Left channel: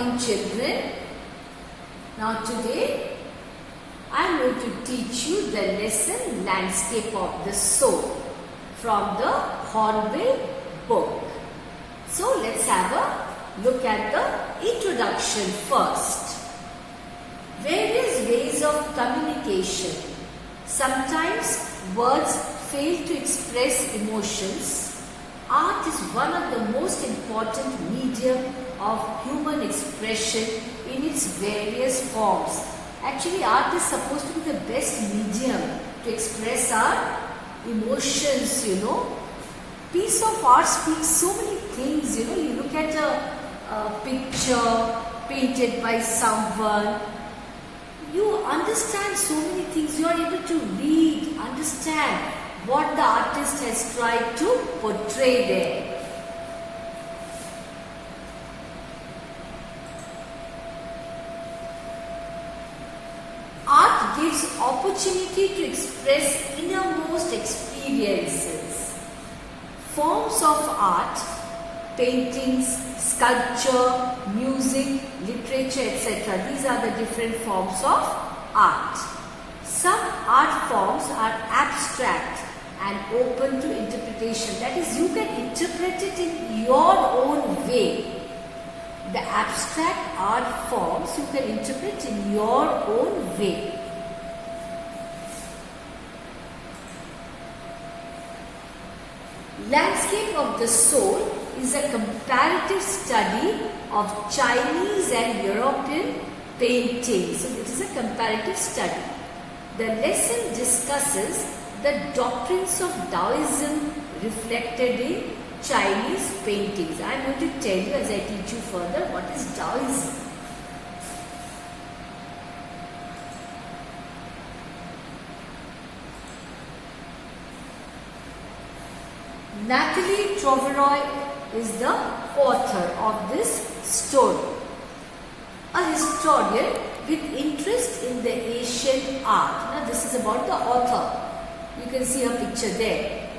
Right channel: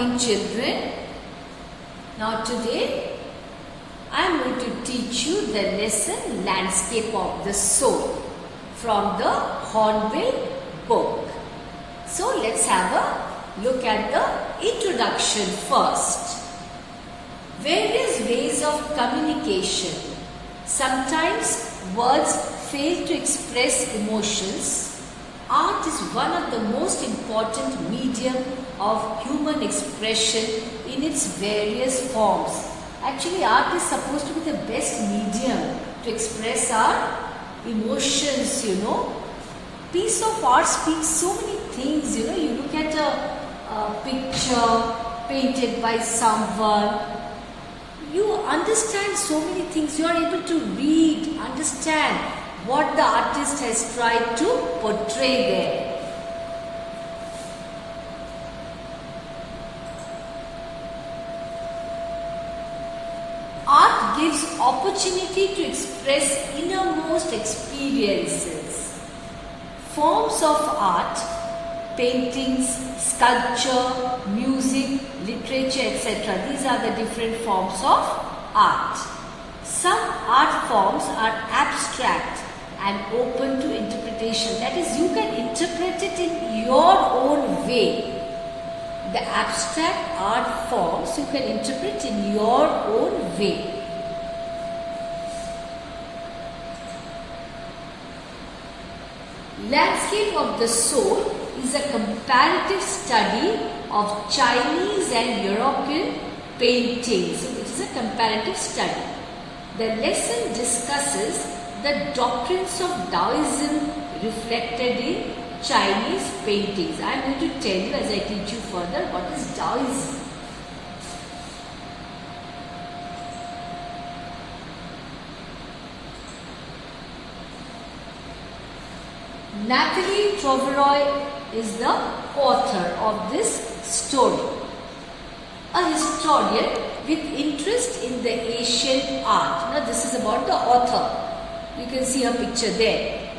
morning, children. Now today I am going to teach you the lesson Landscape of the Soul from the Hornbill book. So let's have a look at the introduction first. Various ways of communication. Sometimes words fail to express emotions. Art is one of the most important medium of human expression in its various forms. Actually, art is supposed to be the best medium to express our emotions, Piece of art speaks so many things, You look at a picture painted by someone, you understand so many things. You are able to read, understand what the artist has tried to portray there. Art gives opportunity to express innermost experiences. Forms of art, paintings, sculpture, music, literature, etc. These are the different forms of art. Some art forms are abstract and open to interpretation. That is, you can interpret it in your own way. The abstract art forms you can interpret in your own way. Landscape of the Soul is a comparative study of Chinese and European paintings. It is a comparative study. The lesson discusses the doctrines of Taoism reflected in Chinese paintings. I am going to tell you as I teach you further what is Taoism. Nathalie Troveroy is the author of this story. A historian with interest in the Asian art. Now this is about the author. You can see a picture there.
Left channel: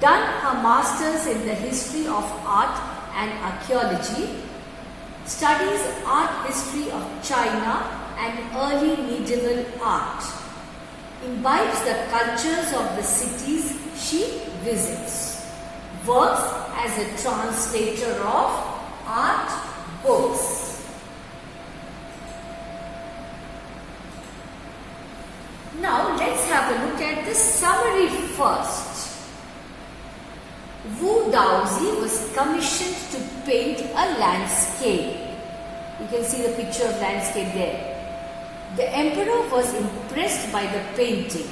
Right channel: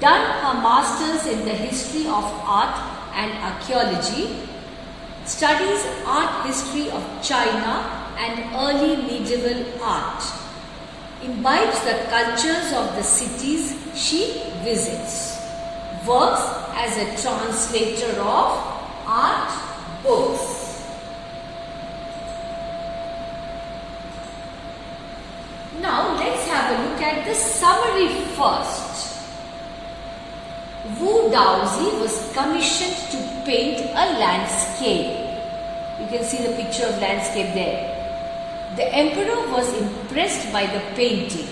Done her masters in the history of art and archaeology, studies art history of China and early medieval art, imbibes the cultures of the cities she visits, works as a translator of art books. Now let's have a look at the summary first. Wu Daozi was commissioned to paint a landscape. You can see the picture of landscape there. The emperor was impressed by the painting.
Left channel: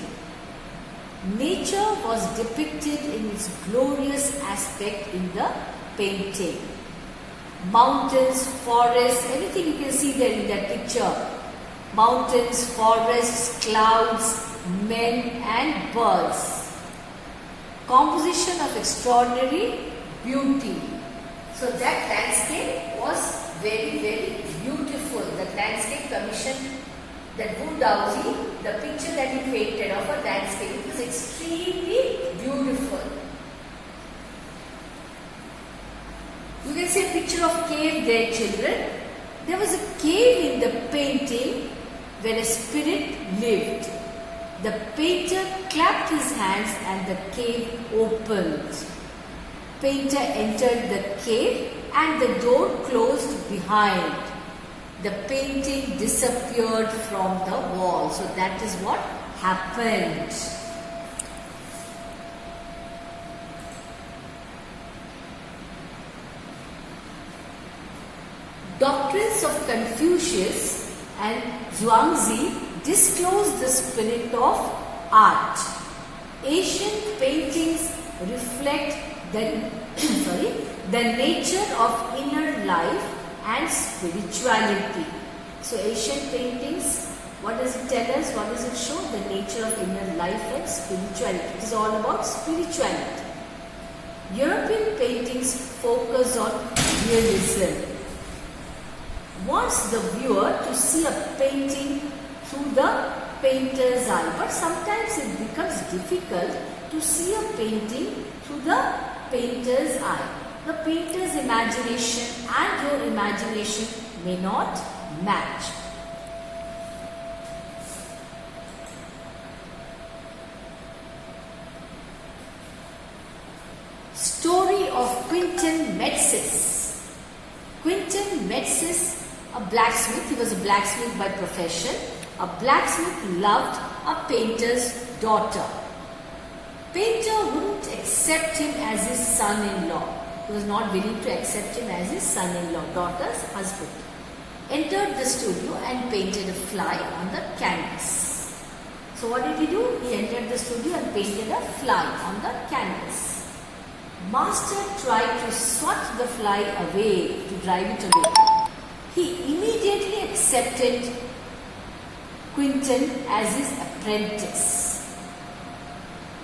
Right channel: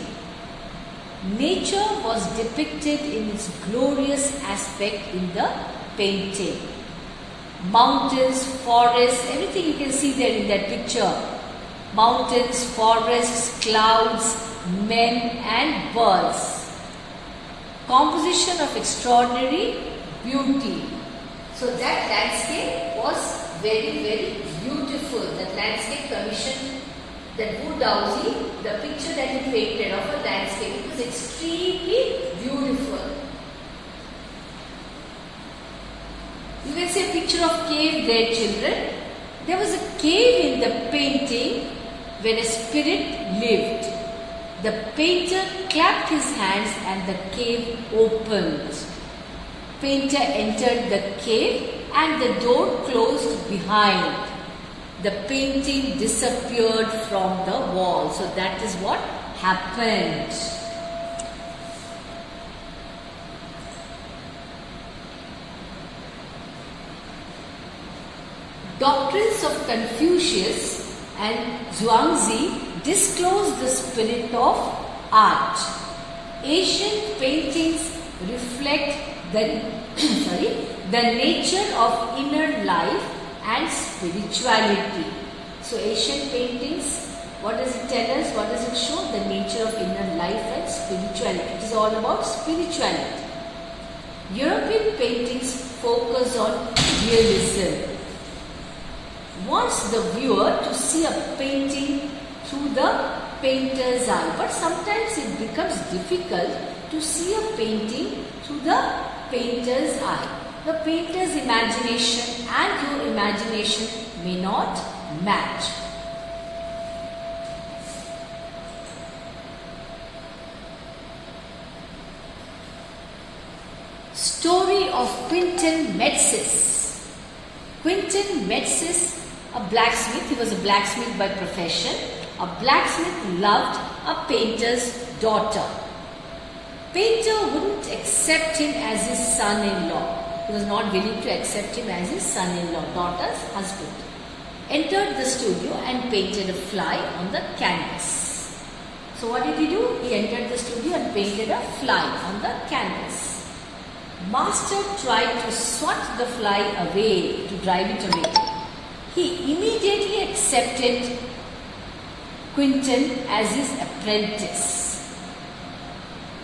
Nature was depicted in its glorious aspect in the painting. Mountains, forests, everything you can see there in that picture. Mountains, forests, clouds, men and birds. Composition of extraordinary beauty. So that landscape was very, very beautiful. That landscape commission, that Wu Daozi, the picture that he painted of a landscape, it was extremely beautiful. You can see a picture of cave there, children. There was a cave in the painting where a spirit lived. The painter clapped his hands and the cave opened. Painter entered the cave and the door closed behind. The painting disappeared from the wall. So that is what happened. Doctrines of Confucius and Zhuangzi disclose the spirit of art. Asian paintings reflect the nature of inner life and spirituality. So Asian paintings, what does it tell us? What does it show? The nature of inner life and spirituality. It is all about spirituality. European paintings focus on realism. Wants the viewer to see a painting through the painter's eye. But sometimes it becomes difficult to see a painting through the painter's eye. The painter's imagination imagination and your imagination may not match. Story of Quintin Metzis. Quintin Metzis, a blacksmith. He was a blacksmith by profession. A blacksmith loved a painter's daughter. Painter wouldn't accept him as his son-in-law. He was not willing to accept him as his son-in-law, daughter's husband. Entered the studio and painted a fly on the canvas. So what did he do? He entered the studio and painted a fly on the canvas. Master tried to swat the fly away, to drive it away. He immediately accepted Quintin as his apprentice.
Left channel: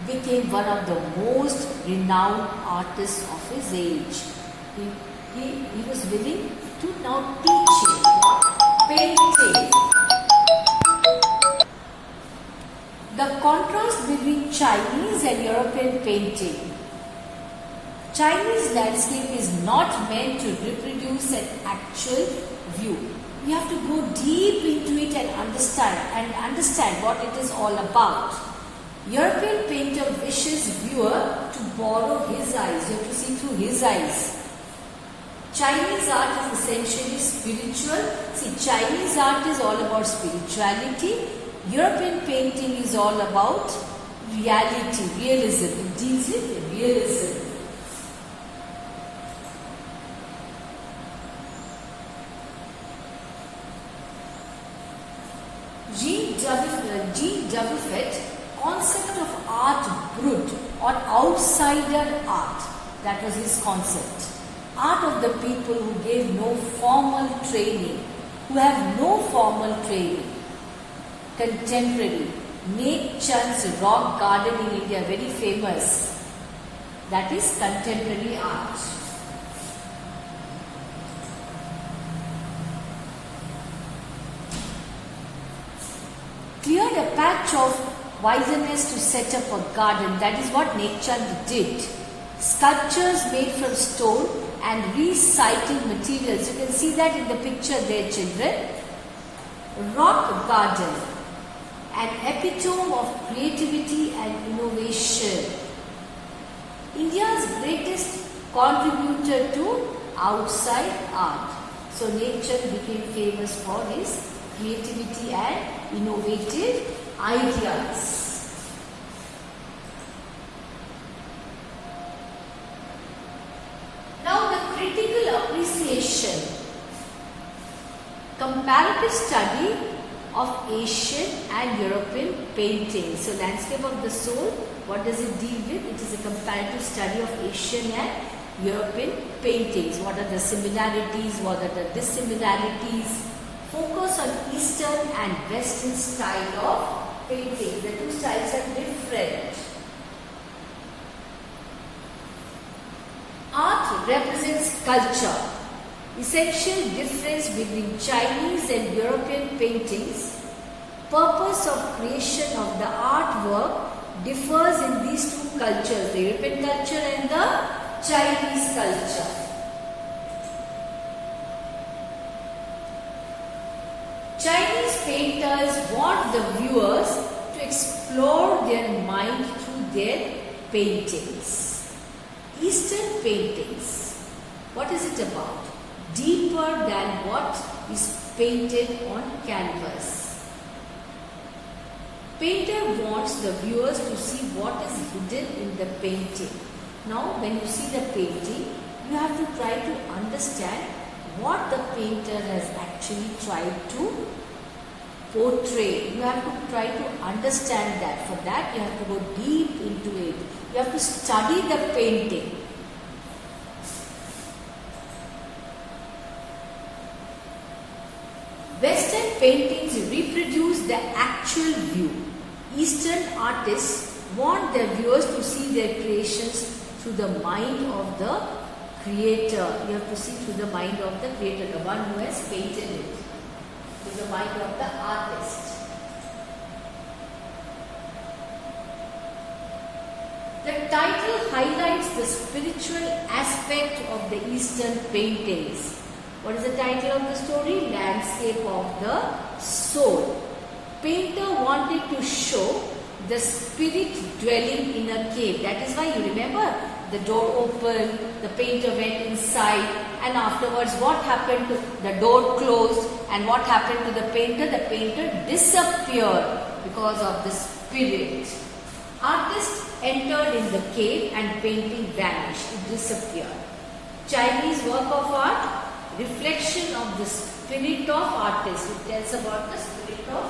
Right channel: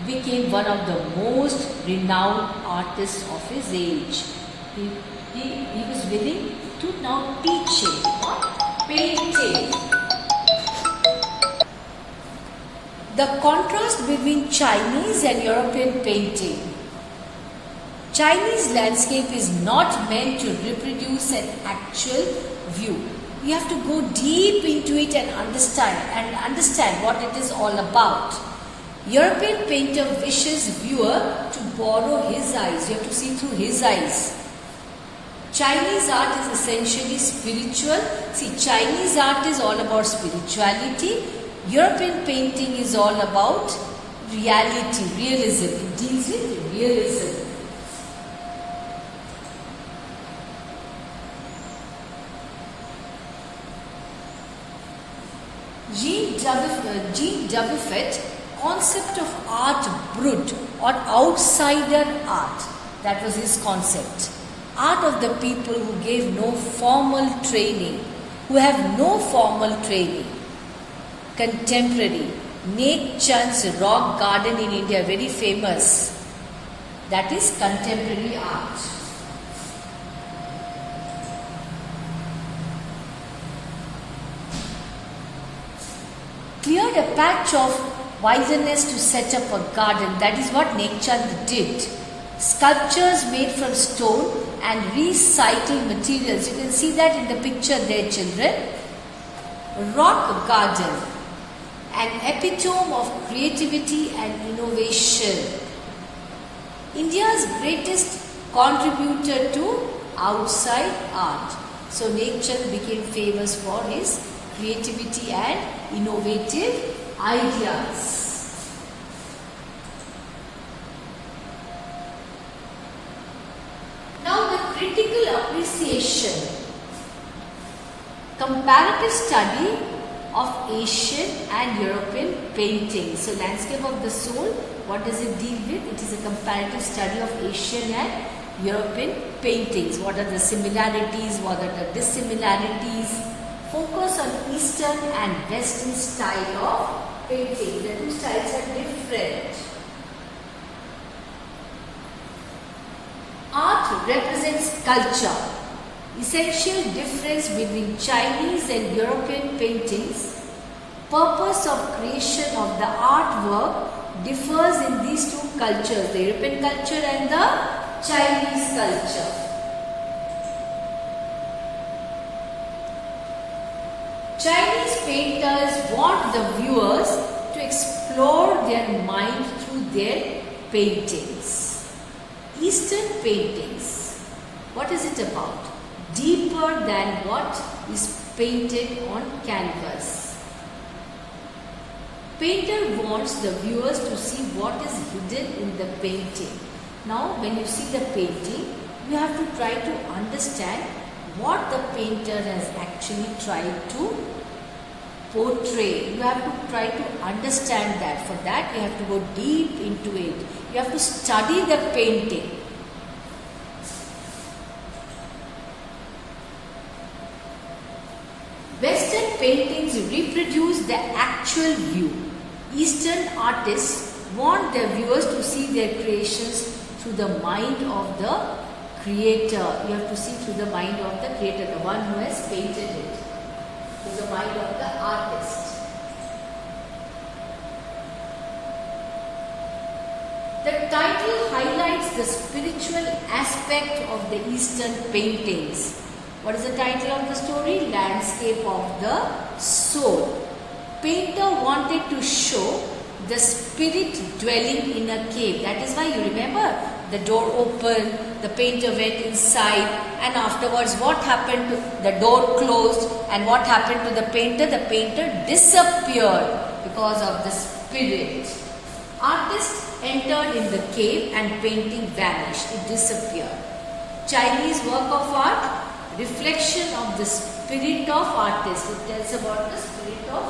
Became one of the most renowned artists of his age. He was willing to now teach him painting. The contrast between Chinese and European painting. Chinese landscape is not meant to reproduce an actual view. You have to go deep into it and understand what it is all about. European painter wishes viewer to borrow his eyes. You have to see through his eyes. Chinese art is essentially spiritual. See, Chinese art is all about spirituality. European painting is all about reality, realism. It deals with realism. Jean Dubuffet, concept of art brut or outsider art. That was his concept. Art of the people who gave no formal training, who have no formal training. Contemporary. Nate Chand's rock garden in India, very famous. That is contemporary art. Cleared a patch of wilderness to set up a garden. That is what Nate Chand did. Sculptures made from stone and recycled materials. You can see that in the picture there, children. Rock garden, an epitome of creativity and innovation. India's greatest contributor to outside art. So Nate Chand became famous for his creativity and innovative ideas. Now the critical appreciation. Comparative study of Asian and European painting. So landscape of the soul, what does it deal with? It is a comparative study of Asian and European paintings. What are the similarities? What are the dissimilarities? Focus on Eastern and Western style of painting. The two styles are different. Art represents culture. Essential difference between Chinese and European paintings. Purpose of creation of the artwork differs in these two cultures, the European culture and the Chinese culture. Chinese painters want the viewers to explore their mind through their paintings. Eastern paintings, what is it about? Deeper than what is painted on canvas. Painter wants the viewers to see what is hidden in the painting. Now, when you see the painting, you have to try to understand what the painter has actually tried to portray. You have to try to understand that. For that, you have to go deep into it. You have to study the painting. Western paintings reproduce the actual view. Eastern artists want their viewers to see their creations through the mind of the creator. You have to see through the mind of the creator, the one who has painted it. Through the mind of the artist. The title highlights the spiritual aspect of the Eastern paintings. What is the title of the story? Landscape of the Soul. Painter wanted to show the spirit dwelling in a cave. That is why you remember the door opened, the painter went inside, and afterwards what happened to the door closed, and what happened to the painter? The painter disappeared because of the spirit. Artist entered in the cave and painting vanished. It disappeared. Chinese work of art, reflection of the spirit of artist. It tells about the spirit of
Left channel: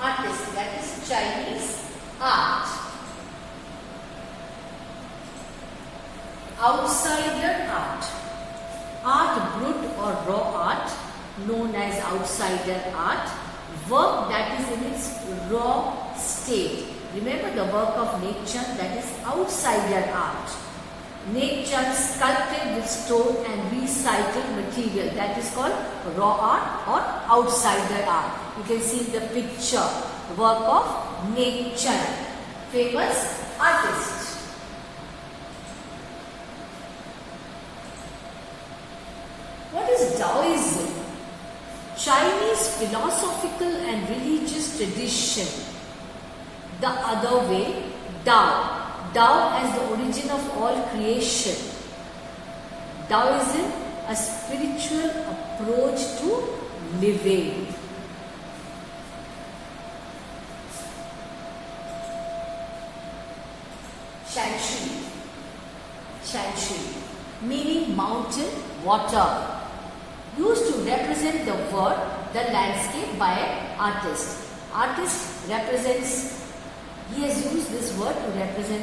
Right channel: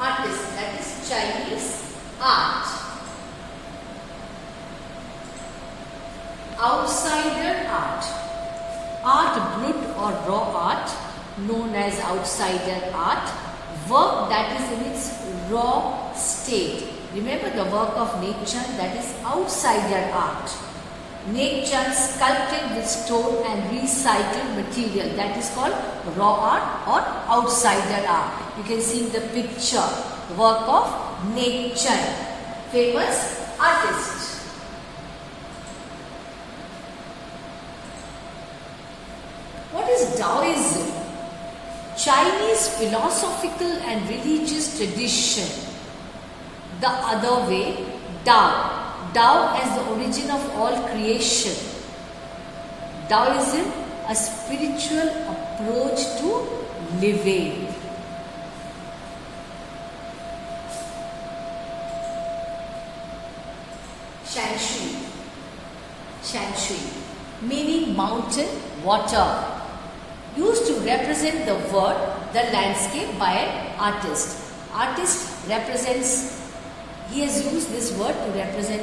artist. That is Chinese art. Outsider art. Art brut or raw art, known as outsider art. Work that is in its raw state. Remember the work of nature, that is outsider art. Nature sculpted with stone and recycled material, that is called raw art or outsider art. You can see the picture, work of nature, famous artist. What is Taoism? Chinese philosophical and religious tradition. The other way, Tao. Tao as the origin of all creation. Taoism, a spiritual approach to living. Shanshui. Shanshui, meaning mountain, water. Used to represent the world, the landscape by an artist. Artist represents, he has used this word to represent,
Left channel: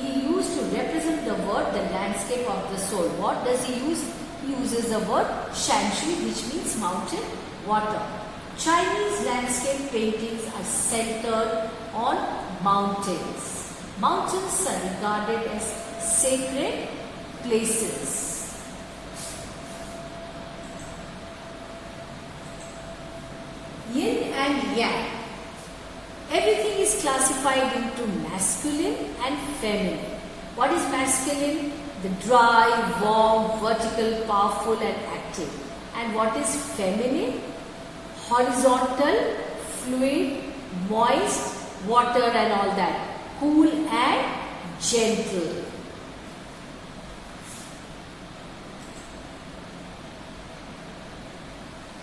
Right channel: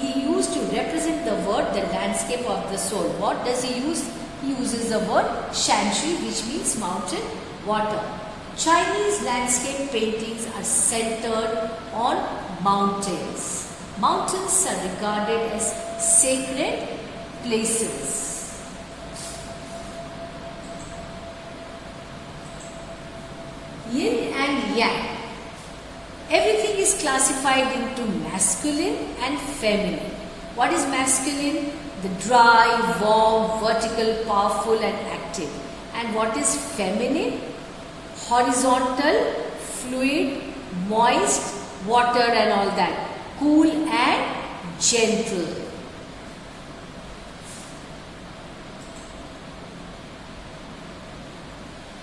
he used to represent the word, the landscape of the soul. What does he use? He uses the word Shanshui, which means mountain, water. Chinese landscape paintings are centered on mountains. Mountains are regarded as sacred places. Yin and Yang. Everything is classified into masculine and feminine. What is masculine? The dry, warm, vertical, powerful and active. And what is feminine? Horizontal, fluid, moist, water and all that. Cool and gentle.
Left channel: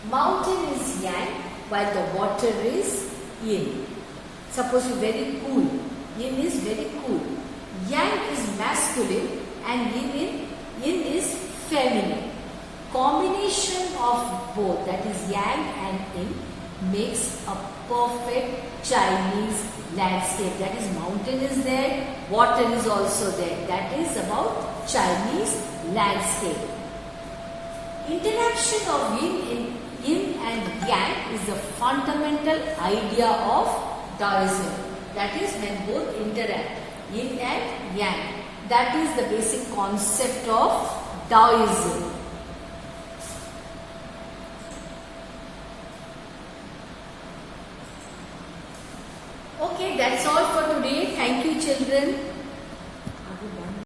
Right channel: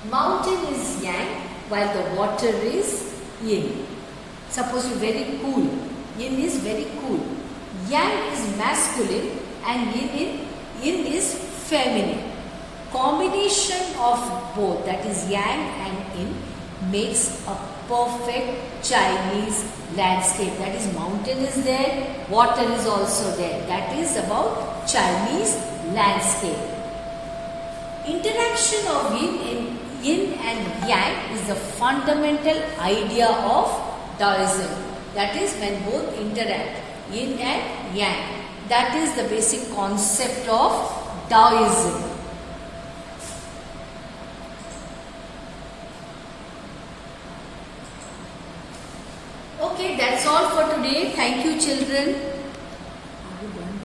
Mountain is Yang, while the water is Yin. Suppose you're very cool. Yin is very cool. Yang is masculine and Yin is feminine. Combination of both, that is Yang and Yin, makes a perfect Chinese landscape. That is mountain is there, water is also there. That is about Chinese landscape. Interaction of Yin and Yang is the fundamental idea of Taoism. That is when both interact, Yin and Yang. That is the basic concept of Taoism. Okay, that's all for today. Thank you, children.